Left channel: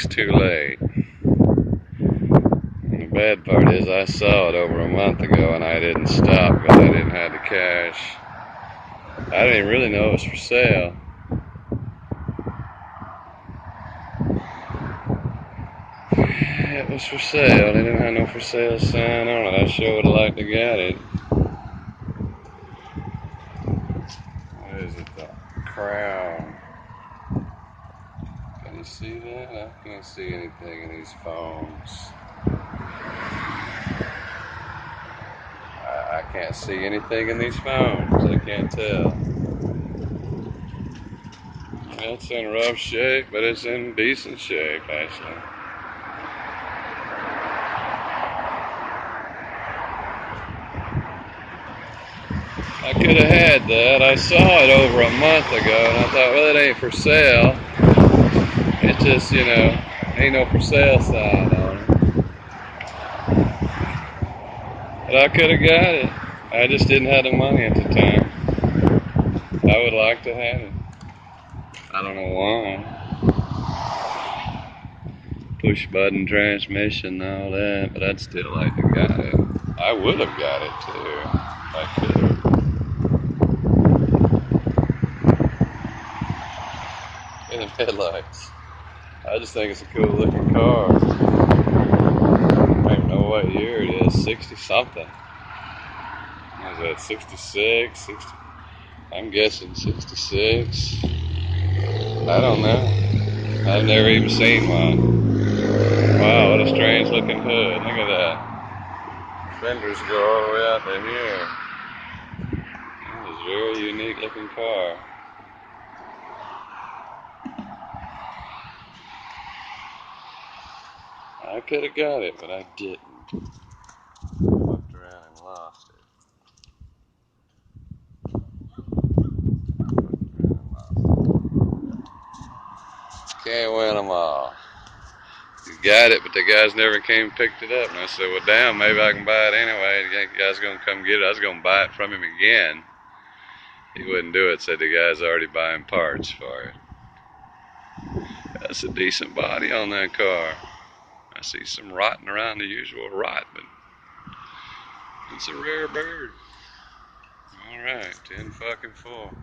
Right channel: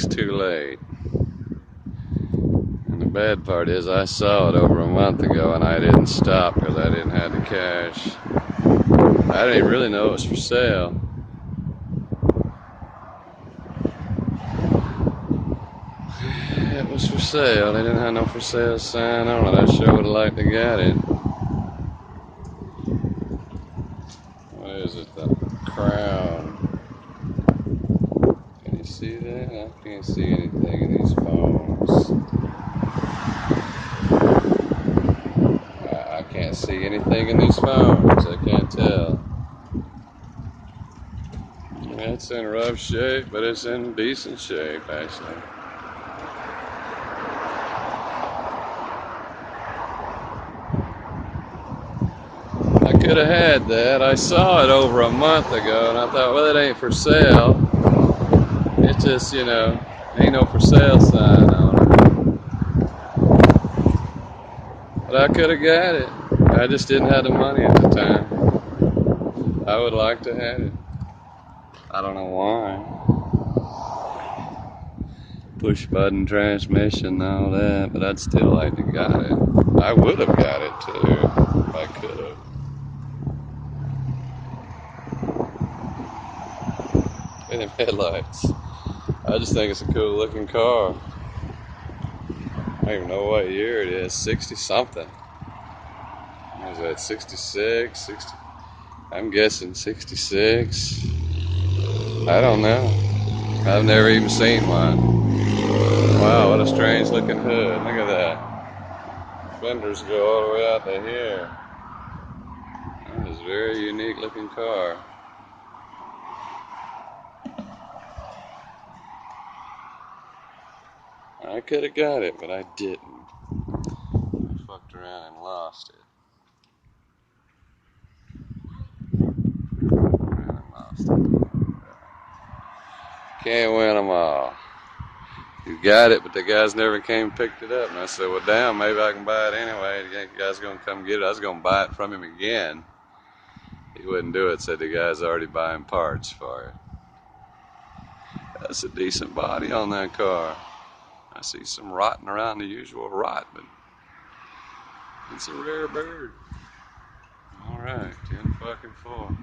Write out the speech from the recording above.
thinks too late. And the bad part is I saw it over a month ago and I didn't stop because I didn't have the cash. I didn't even really know it was for sale. It was for sale. They didn't have no for sale sign on it. I sure would have liked to get it. What is it? The Crown. Can you see that? I can't see anything in these phones. I can't see anything in these phones. I can't tell. It's in rough shape, but it's in decent shape, actually. I could have had that. I saw it over a month ago, and I thought, well, it ain't for sale. It just, ain't no for sale sign on it. But I could have got it. I just didn't have the money at the time. I would like to have it. I don't know why. Push button transmission and all that, but I'd still like to got it. I would have got it too if I could. And the headlights. I just think it's a cool looking car. I don't even know what year it is. 60 something. What is that? 66? 60? I'm guessing 66. I don't know. I've never even seen one. Wow, what a strange looking hood. Look at that. Fenders go all the way out to here. That is a very unique looking car. I could have got it, but I didn't. Fucked around and lost it. Can't win them all. He's got it, but the guys never came and picked it up. And I said, well, damn, maybe I can buy it anyway. The guy's going to come get it. I was going to buy it from him again. He wouldn't do it, said the guy's already buying parts for it. That's a decent body on that car. I see some rotting around the usual rot, but it's a rare bird. All right, 10 fucking 4.